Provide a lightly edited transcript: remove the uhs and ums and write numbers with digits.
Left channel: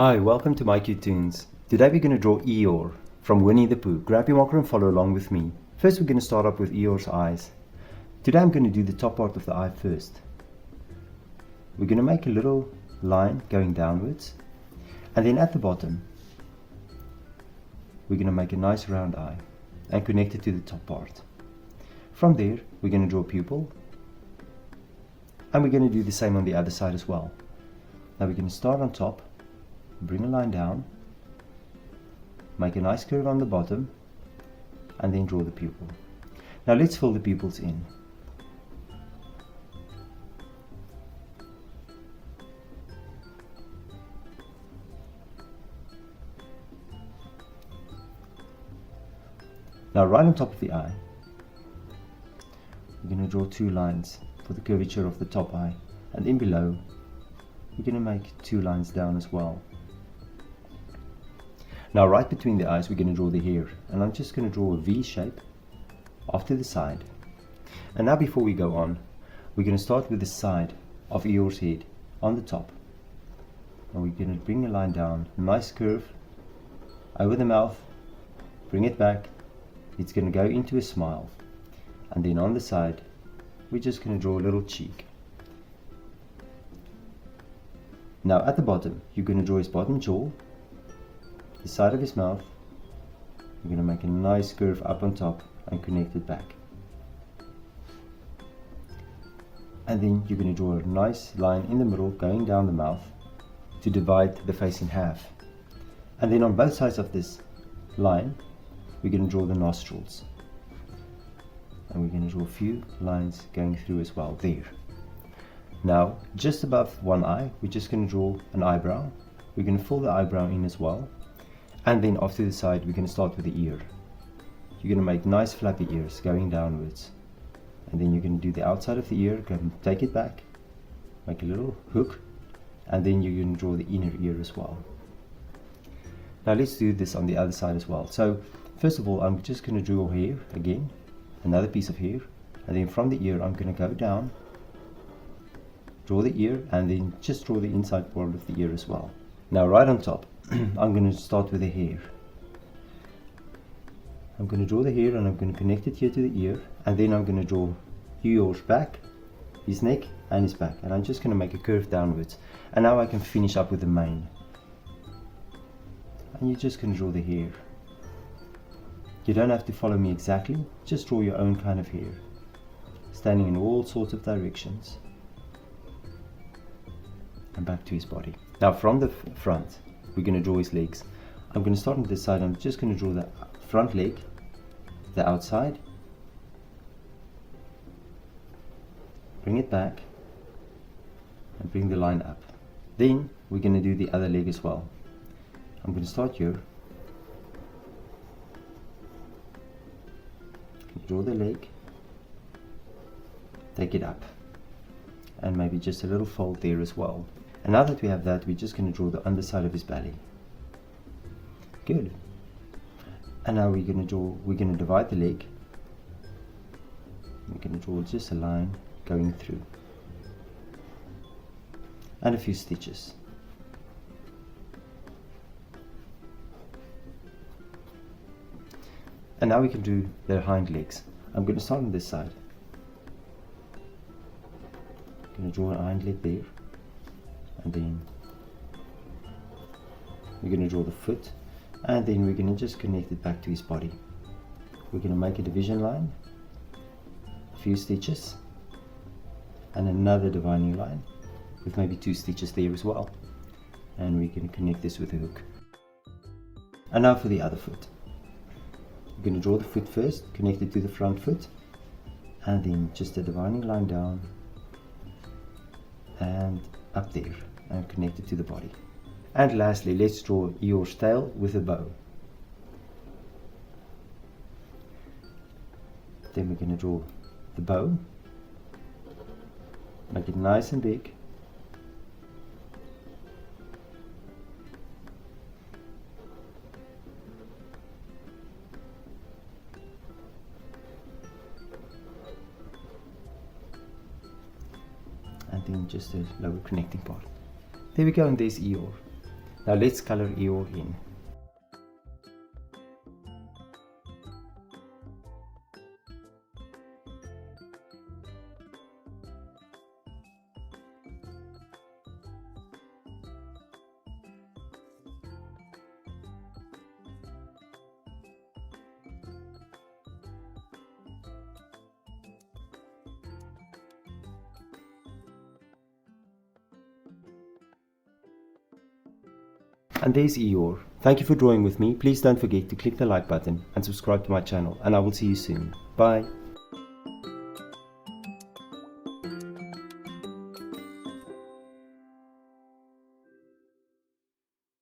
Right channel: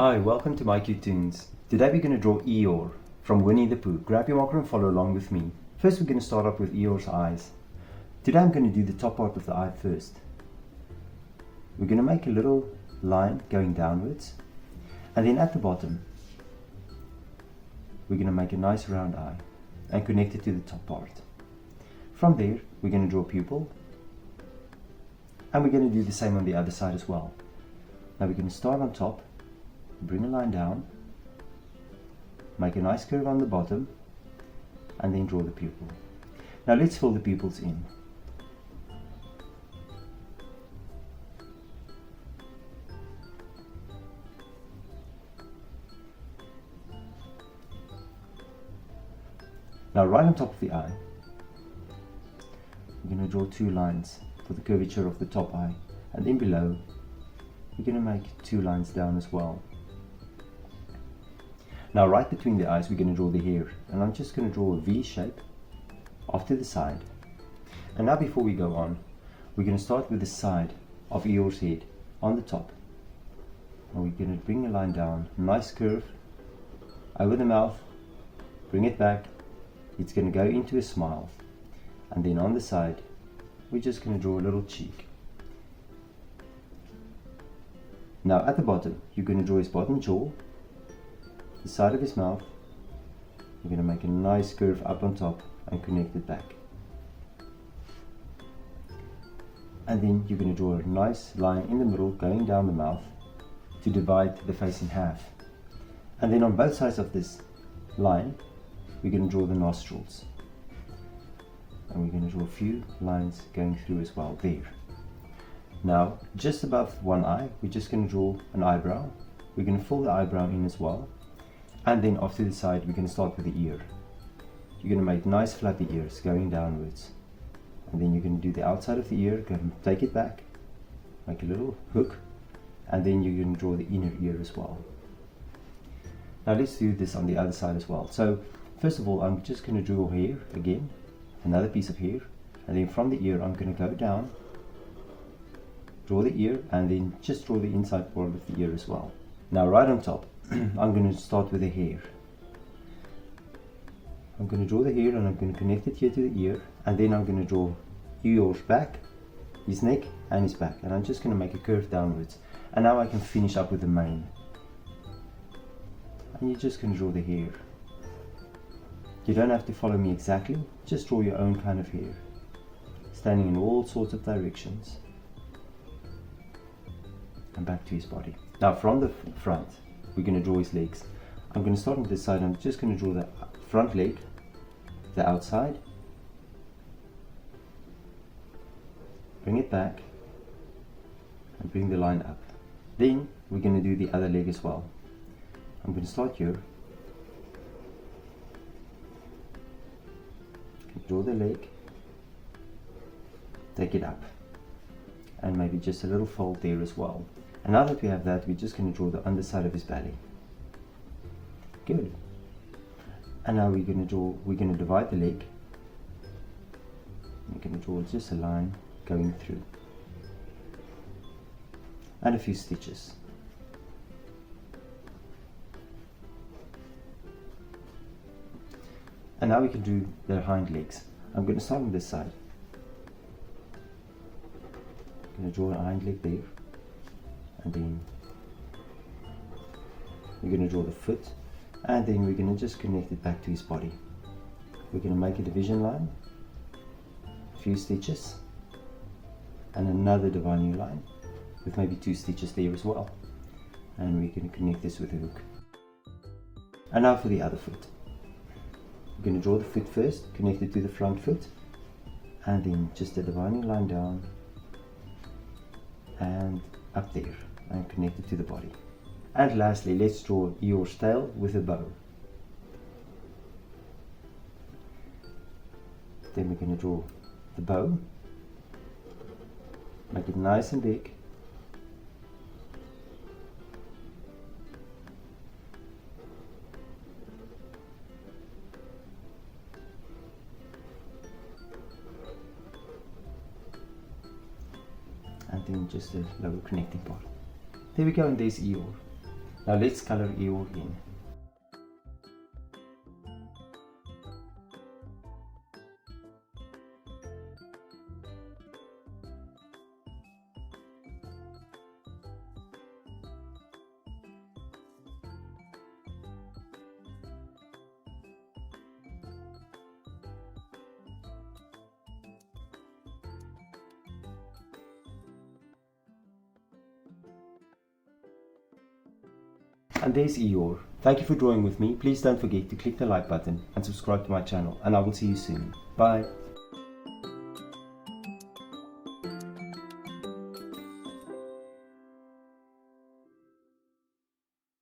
Hi, welcome to mycutetoons. Today we're going to draw Eeyore from Winnie the Pooh. Grab your marker and follow along with me. First we're going to start up with Eeyore's eyes. Today I'm going to do the top part of the eye first. We're going to make a little line going downwards, and then at the bottom we're going to make a nice round eye and connect it to the top part. From there we're going to draw a pupil, and we're going to do the same on the other side as well. Now we're going to start on top, bring a line down, make a nice curve on the bottom, and then draw the pupil. Now let's fill the pupils in. Now right on top of the eye, we're going to draw two lines for the curvature of the top eye, and then below we're going to make two lines down as well. Now right between the eyes we're going to draw the hair, and I'm just going to draw a V shape off to the side. And now before we go on, we're going to start with the side of Eeyore's head on the top. Now we're going to bring a line down, a nice curve over the mouth, bring it back, it's going to go into a smile, and then on the side we're just going to draw a little cheek. Now at the bottom you're going to draw his bottom jaw, the side of his mouth. You're going to make a nice curve up on top and connect it back. And then you're going to draw a nice line in the middle going down the mouth to divide the face in half. And then on both sides of this line we're going to draw the nostrils. And we're going to draw a few lines going through as well there. Now just above one eye we're just going to draw an eyebrow. We're going to fill the eyebrow in as well. And then off to the side we're going to start with the ear. You're going to make nice flappy ears going downwards, and then you're going to do the outside of the ear, go and take it back, make a little hook, and then you're going to draw the inner ear as well. Now let's do this on the other side as well. So first of all I'm just going to draw hair again, another piece of hair, and then from the ear I'm going to go down, draw the ear, and then just draw the inside part of the ear as well. Now right on top I'm going to start with the hair. I'm going to draw the hair and I'm going to connect it here to the ear, and then I'm going to draw Eeyore's back, his neck and his back, and I'm just going to make a curve downwards. And now I can finish up with the mane. And you're just going to draw the hair. You don't have to follow me exactly, just draw your own kind of hair, standing in all sorts of directions. And back to his body. Now from the front we're going to draw his legs. I'm going to start on this side. I'm just going to draw the front leg, the outside, bring it back and bring the line up. Then we're going to do the other leg as well. I'm going to start here, draw the leg, take it up, and maybe just a little fold there as well. And now that we have that, we're just going to draw the underside of his belly. Good. And now we're going to divide the leg. We're going to draw just a line going through, and a few stitches. And now we can do their hind legs. I'm going to start on this side. I'm going to draw a hind leg there, and then we're going to draw the foot, and then we're going to just connect it back to his body. We're going to make a division line, a few stitches, and another dividing line with maybe two stitches there as well, and we're going to connect this with a hook. And now for the other foot. We're going to draw the foot first, connect it to the front foot, and then just a dividing line down and up there, and connect it to the body. And lastly, let's draw Eeyore's tail with a bow. Then we're going to draw the bow, make it nice and big, and then just a lower connecting part. There we go, and there's Eeyore. Now let's color Eeyore in. And there's Eeyore. Thank you for drawing with me. Please don't forget to click the like button and subscribe to my channel, and I will see you soon. Bye.